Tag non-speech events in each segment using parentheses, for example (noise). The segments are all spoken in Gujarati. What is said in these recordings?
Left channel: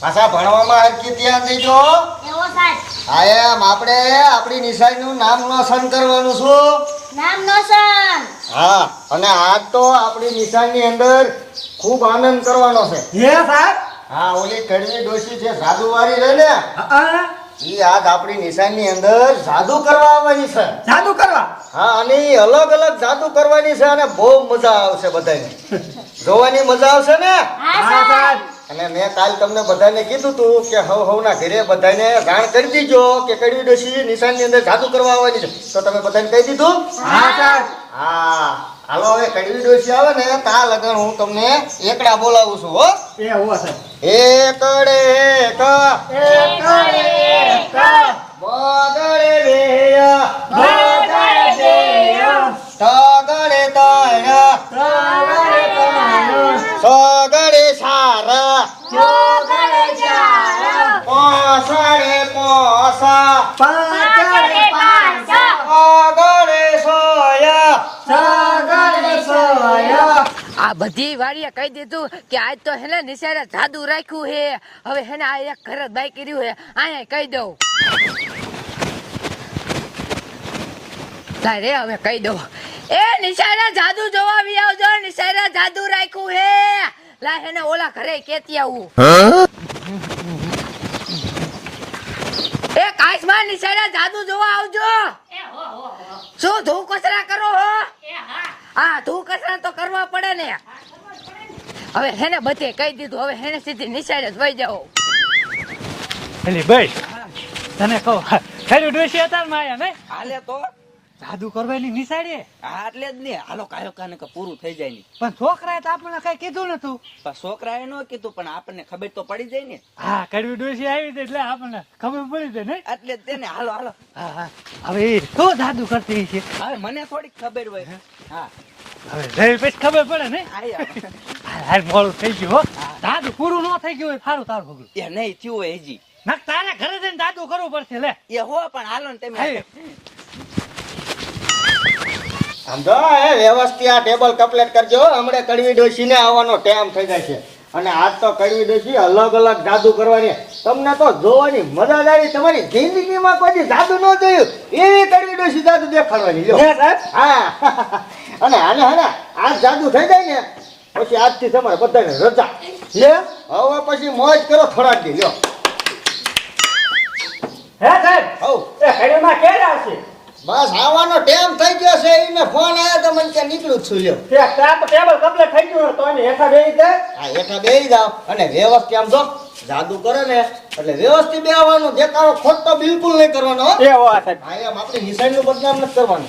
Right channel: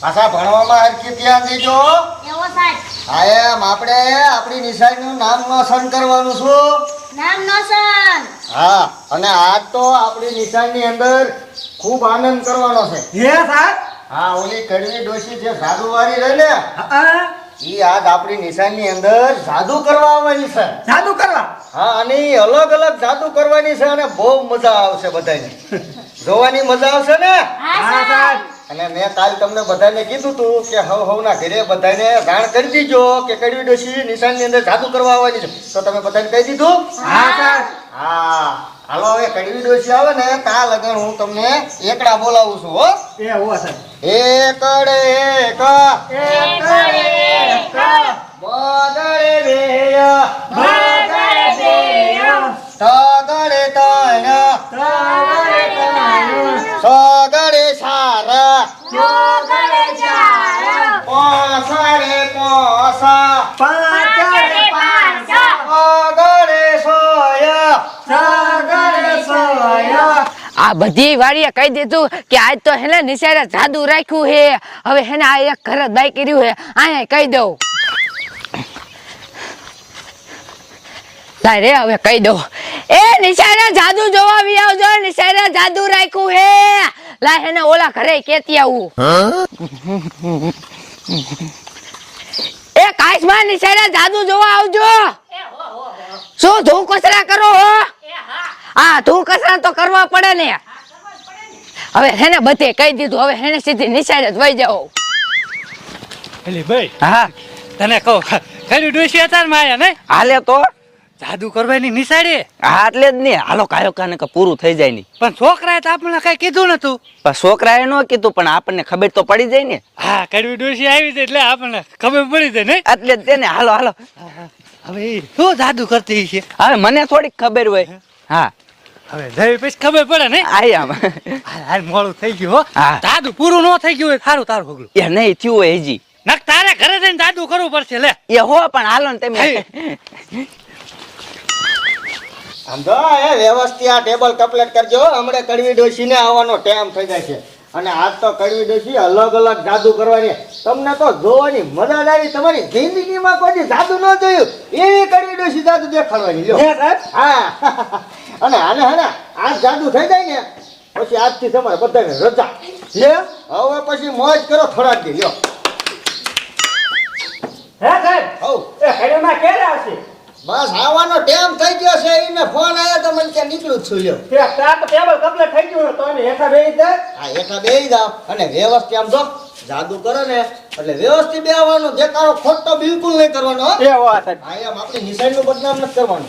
પાછા ભણવામાં હરખી ધ્યાન દેજો એવો એમ. આપણે આપણી નિશાળીનું નામ રોશન કરવાનું છું નામ નોશન હા અને આજ તો આપણી નિશાળની અંદર ખૂબ આનંદ કરવાનો છે. હે સાહેબ? હા ઓલી કડવી ડોશી જે જાદુવાળી રહે ને એ ઈ આજ આપણી નિશાળની અંદર જાદુ કરવા આવવાની છે. જાદુ કરવા? હા અને ઈ અલગ અલગ જાદુ કરવાની છે અને બહુ મજા આવશે બધાને જોવાની મજા આવશે ને? હા, સાહેબ. અને મેં કાલ તમને બધાને કીધું તું કે હવ હવના ઘરે બધાને જાણ કરી દીજો કે કડવી ડોશી નિશાળની અંદર જાદુ કરવા આવવાની છે. તો તમે બધાને કહી દીધું? હા સર હા. હાલો હવે કડવી ડોશી આવે ને તા લગન હું તમને એકડા બોલાવું છું હો. એ હો સર એકડે એક. એકડે એક. બધી વાડીએ કહી દીધું કે આજ તો હેને નિશાળે જાદુ રાખ્યું હે. હવે હેને આ એક ઘરે દાય કર્યું હે. અહીંયા કહી દઉં. તારે હવે કહી દઉં. એ નિશાળે જાદુ જોવા આવી આવજો. નિશાળે જાદુ રાખ્યું હે. લા હેને ઓલા ઘરે કેતી આવું. એ કાશમાં નિશાળે જાદુ જોવા આવજો. શું ધૂ કચરા કરો હો? હા તું કસરત તો કરવા પડે ને. હવે હેને બધે કહી દીધું હવે હેને સીધી નિશાળે જ વહી જાઓ ભાઈ હા. તને કહું ખાલી ડુસી હતા માયા ને હાલે તો. જાદુ કરવાની નિશાળે? હા એટલે જ નહીં હાલો કાયો કાને કે પૂરું થઈ જાય નહીં પણ છોકરાએ તો આપણને કઈ કીધું નતું. પણ છોકરાએ ન કીધું પણ આપણને ખબર તો પડી જાય ને. હા કડવી ડોસી આવી છે એટલે આપણને ખબર પડી જાય ને એટલે જ તેને હાલો હાલો. હવે શું જાદુ કરતી છે હવે મને થોડીક ખબર હોય. હા. હવે પછી ખબર પડે ને? આયા હાલ મોડું થઈ ગયું હો. પૂરું ન થઈ ગયું હોય સારું તારું ભોગલું. એ નહીં થયું હોય હજી. નક તારે ઘરે જઈને જાદુ કરવું પડશે લે. એ હો પણ હાલો ને તમે. સમજો એ વ્યવસ્થિત આ ટેબલ કમ્પ્લીટ કરજો હમણે કડવી ડોસીને આવવાનો ટાઈમ થઈ જાય છે. અને આજ તો કડવી ડોશી અલગ અલગ જાદુ કરવાની. તમને તો જોવાની મજા આવી તમારી જિંદગીમાં કોઈ જાદુ ન જોયું. એવી કડવી ડોશી જાદુ દેખાડવાની લ્યો. હે (laughs) અને હાલે હાલે આજ જાદુ થઈ જાય ને પછી આજથી તમારે બધાને રજા. લે? હવે પછી મોજ કરો થોડાક દી લ્યો. હે સાહેબ? હવ. એ ઘડીમાં ક્યારે આવશે? બસ આવવાનો ટાઈમ થઈ ગયો છે એને ફોન ત્યાં નીકળું છું લ્યો. ટેબલ કમ્પ્લીટ થઈ ગયું તો એને હેઠા બેસી હા એકા બેહી જાવ અને વ્યવસ્થિત આમ જો જાદુ કરો ને. એટલે વ્યવસ્થિત બેહવાનું દેખાડો ખોટો બિલકુલ નહીં કરવાનો એ વાત સાહેબ. હા એમ આપણી નિશાળીનું બદનામ નથી કરવાનું.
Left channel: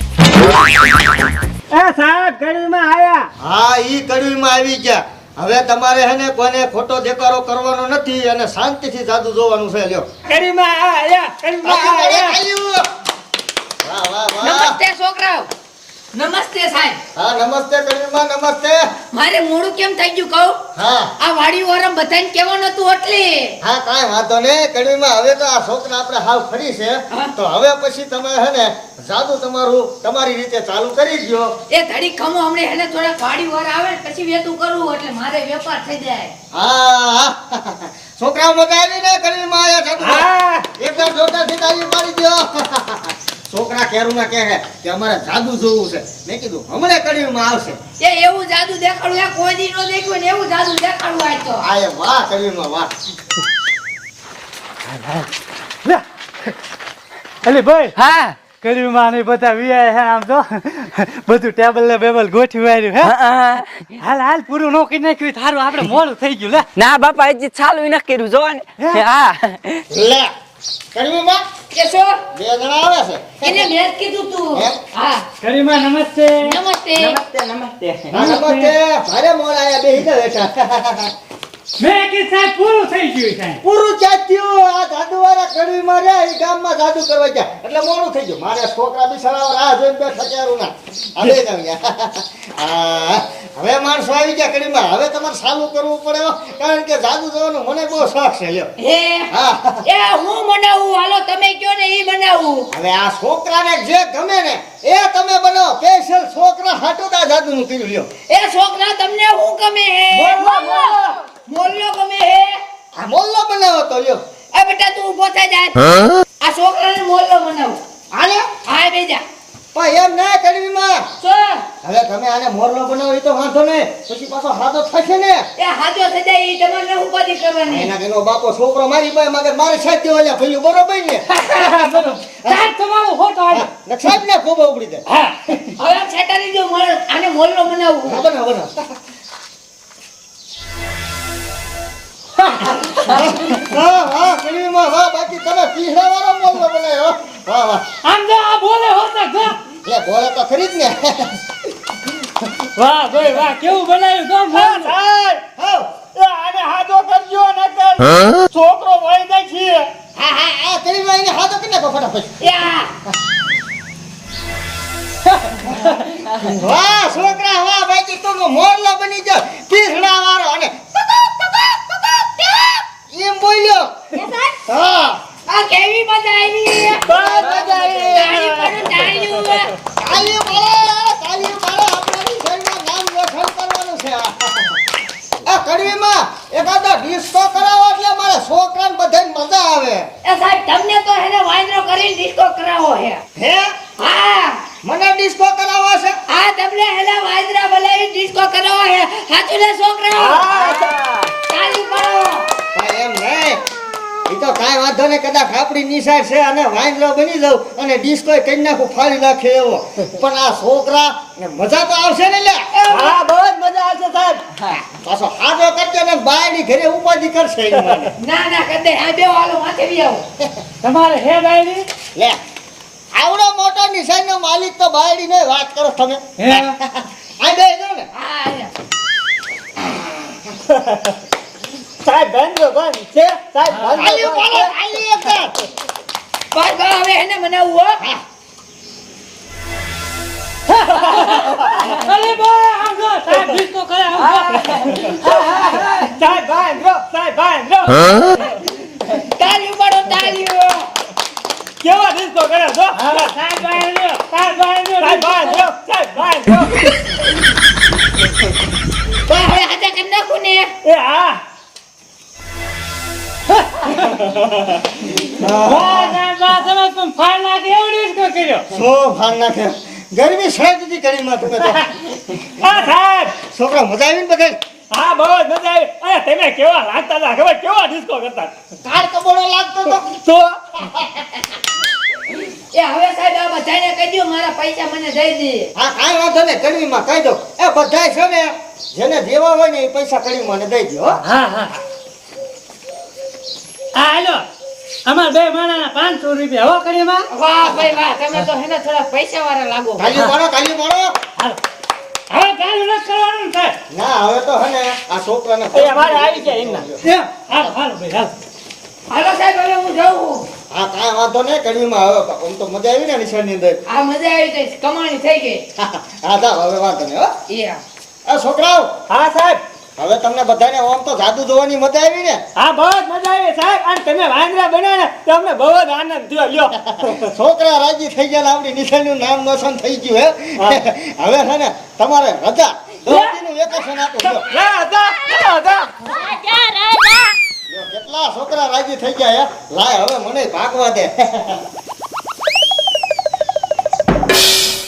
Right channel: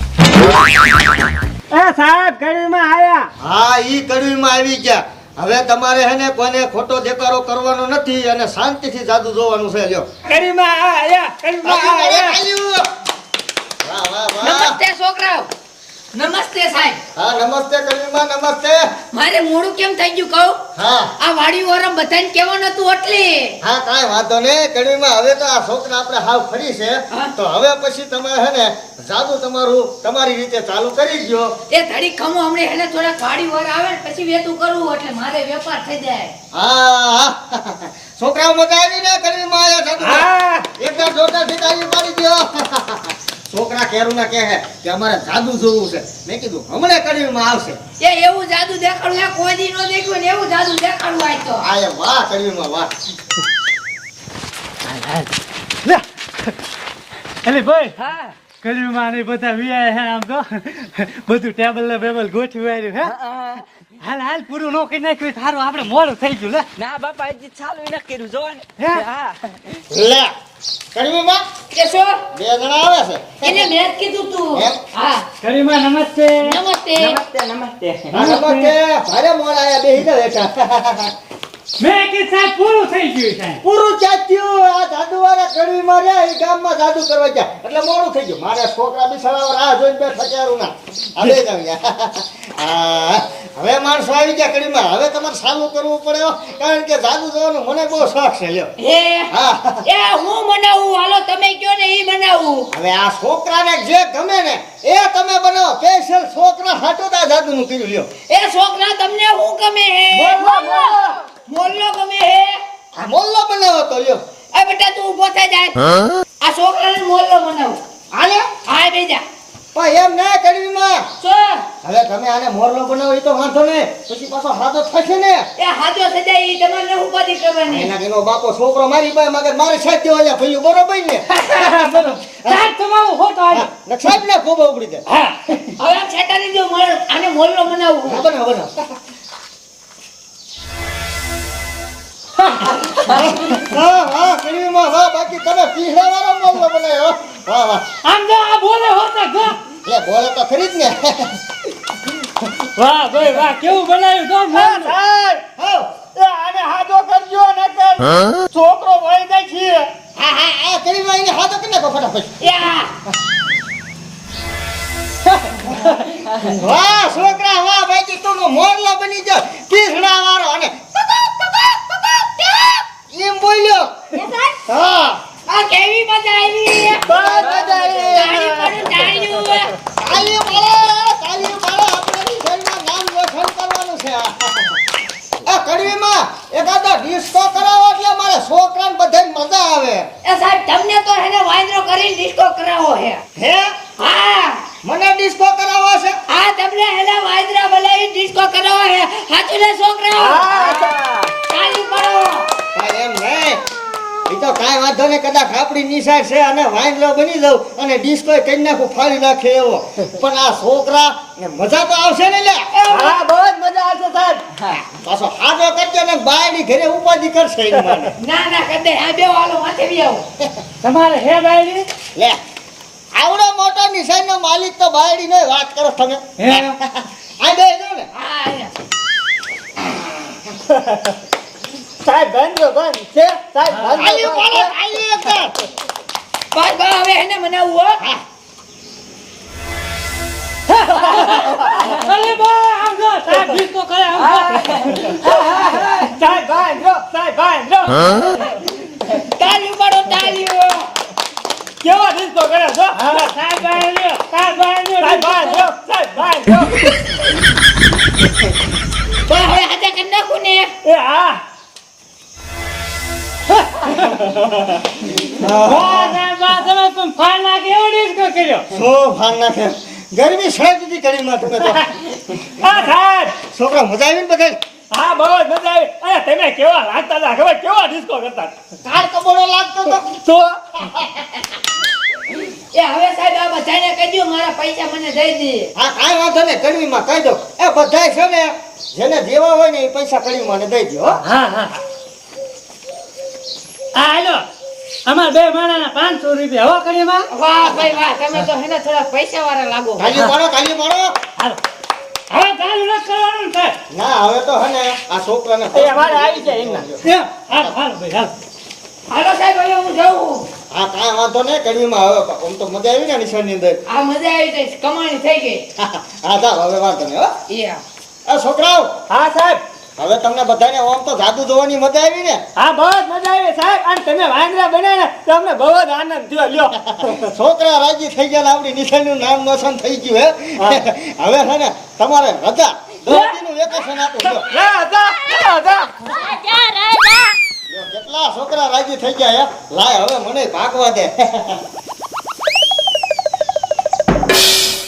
એ સાહેબ ઘડીમાં આયા. હા ઈ કડવીમાં આવી ગયા. હવે તમારે હે ને કોઈને ખોટો દેખાડો કરવાનો નથી અને શાંતિથી જાદુ જોવાનું છે લ્યો. ઘડીમાં આયા ઘડીમાં આયા. વાહ વાહ વાહ નમસ્તે છોકરાઓ. નમસ્તે સાહેબ. હા નમસ્તે કડવીમાં નમસ્તે. મારે મોડું કેમ થઈ ગયું કહું? હા. આ વાડી વારમ બધાને કહેવાનું હતું એટલે. હા કાંઈ વાંધો નહીં. કડવીમાં હવે તો આ છોકરા આપણે હાવ ફરી છે. તો હવે પછી તમે હે ને જાદુ તમારું તમારી રીતે ચાલુ કરી દો એ ઘડી ખમું હમણે એને થોડા વાડી વાર આવે ને પછી વેતું કરવું એટલે મારે વેપાર થઈ જાય. હા. છોકરા મજા આવી ને કડવીમાં આયા એકદમ જોરદારથી તાળી પાડી દ્યો. છોકરા કેરું ના કહે છે કે અમારે જાદુ જોવું છે. મેં કીધું હમણાં કડવીમાં આવશે. એ એવું જાદુ દેખાડું આ કોઈ દી નો દેખ્યું ને એવું જાદુ દેખાડું આય તો. આ એ વાહ કડવીમાં વાહ. લે. અલે ભાઈ હા. ઘડીમાં ને બધા વિયા હે આમ તો. બધું ટેબલ ને બેબલ ગોઠવી માર્યું હે. હાલ હાલ પૂરું નો કરી નાખ્યું થારું આપણે મોડું થઈ ગયું લે. ના બાપા હજી ચાલુ ન કર્યું જોવા ને હા. લે. કડવીમાં કે શું બે જણા આવે છે. એને મેં કીધું તું. હા. ઘડીમાં નમસ્તે. નમસ્તે. નમસ્તે આ નમસ્તે. ભારે મોડ બે હિડા બેઠા. મેં કીધું સાહેબ પૂરું થઈ ગયું પૂરું જાત્યું આ જાદુ વાળા કડવીમાં રહ્યા એ ગામમાં દાદુ કરવા ગયા. એટલે મોડું થઈ ગયું. મારે છોકરા બી સડાવ રાહ જોઈને બેઠા ના હવે હા, હવે માણસો આવી ગયા કડીમાં. હવે તમારે સારું કરવું પડે કારણ કે જાદુ જોવાનો મને બહુ શોખ છે લ્યો. એ હા. એ હું બનાવું હાલો તમે કયો ને ઈ મનાવું. હવે આ છોકરાને જે ગમે ને એ તમે બનાવો. સ્પેશિયલ છોકરા હાટું જાદુ નું કર્યું લ્યો. એ છોકરા તમને હું ગમે હે? બોલો, બોલો. ગમે હે? આ મોલ્લો બનાવો તો લ્યો. એ બેટા તું ઊભો થઈ જાય આ છોકરાને મોલ્લો બનાવો. આલે હા બેજા. પણ એમ ના કડવીમાં શું હવે તમે આને મોરલો બનાવો એ તો વાંધો ને પછી પાછો હાથો થશે ને એ હાથો સજાય ઈ તમારે ન કરવાની એના એનો બાપો છોકરો મારી પાસે મગર મારે સાથ દેવા લ્યા ભઈલું બરોબર ને સાહેબ તમારું ખોટો ને સાહેબ ને કોબો ઉપડી દે હા હવે છેટાની જો મળે આને મોલ્લો બનાવવું વાંધો ને વાંધો વાહ વાહ કડવીમાં વાહ બાકી તમે પીહળાવાળો મોરલો બનાવ્યો વાહ વાહ આમ જો આ બોલે હોતા જો એ બોલે તો ખરી જ ને વાહ ભાઈ વાહ કેવું બનાવ્યું? તો હા, એ આને હાથો કરજો નકર છોકરો વાળી જાય છે હા હા આ કડવીમાં એને હાથો કરી નાખો ફટાફટ. વાહ છોકરા વાહ બાકી તું મોરલો બની જા પીહળા વાળો અને એમ બોલ્યો એ સાહેબ હા આ કેવી મજા આવી બહુ મજા આવી. તાળી પડે તાળીઓ તાલી મારો તાલી મારો આપણે નિશાળમાં નામ રોશન કરવાનું છે આ કડવીમાં એકાદો ડિસ્કો કરાવો એટલે મારા છોકરાને બધાને મજા આવે એ સાહેબ તમને તો એને વાંદરો કરીને ડિસ્કો કરાવો છે હે હા મને ડિસ્કો કરાવવો છે? આ તમને એને વાજરા બોલાવી ડિસ્કો કરાવો છે. હાથું ને છોકરાઓ? ચાલુ કરો એમ નહીં એ તો કાંઈ વાંધો નહીં કદાચ આપણી નિશાળ છે અને વાંદરો બની જાઉં અને ડિસ્કો કરી નાખું ફાડી નાખે એવો. પણ આ છોકરા ને મજા તો આવશે ને લે હા બહુ જ મજા આવશે સાહેબ. પાછો હાજો કરજો ને બાયડી ઘરે ઉપાધિ કરશે ના ના કદે આ બે વાલો માથે આવો. તમારે હે બાયડી? લે. આવડો મોટો નિશાળનો માલિક તો બાયડી ને વાત કરો તમે હે? આ બે જો ને. સાહેબ બંધ બંધ. છે? સાહેબ બંધ બોલો આલી એક બસ બસ હવે એને મનાવવું હો. અરે ભાઈ આમ જો સાહેબ ડિસ્કો કરે આમ સાહેબ ભાઈ જો સાહેબ ભાઈ જો. ગરમી સાહેબ દીધી કરી છોકરા મજા આવી ને બધા હા બસ મજા આવી અરે તમે કેવા લાગતા હતા ખબર કેવા ડિસ્કો કરતા કાર કબોડો લાગતો તો તો એ હવે સાહેબ આ બધાને કહી દઉં મારા પૈસા મને દઈ દે હા કાંઈ વાંધો નહીં કડવીમાં કહી દો એ બધાય છે ને જેને દેવા હોય ને એ પૈસા કડવીમાં દઈ દો હા હા. હા હા હેલો. અમાર બે માણાના પાંચસો રૂપિયા હો કરીમાં વાહ ભાઈ વાહ તમે તો હેને થોડા પૈસા વાળા લાગો કાલી પાડો કાલી પાડો. હાલ હવે કાલ ન કરવાનું ને ના હવે તો હે આ છોકરાને એ આવી જાય એમ, હાલ હાલ ભાઈ હાલ. હાલો સાહેબ હવે હું જાઉં હા કાંઈ વાંધો નહીં કડવીમાં હવે આમ તો મજા આવી ને નિશાળની અંદર. આ મજા આવી ગઈ. કમાણી થઈ ગઈ. (laughs) હા જાઓ હવે વાંધો નહીં હો. આ છોકરાઓ. હા સાહેબ. હવે તમને બધાને ઓમ તો જાદુ જોવાની મજા આવી ને? હા બહુ જ મજા આવી. સાહેબ અને તમે વાંદરા બન્યા ને તો અમને બહુ જ આનંદ થયો. લ્યો. (laughs) છોકરા રાજી થઈ ગયા આપણી નિશાળનું નામ રોશન થઈ ગયું હે? (laughs) હવે છે ને તમારે રજા. વેકેશન આપું કેટલા છોકરા રાજી થઈ ગયા હે? લાય હવે મને ભાગવા દે. (laughs)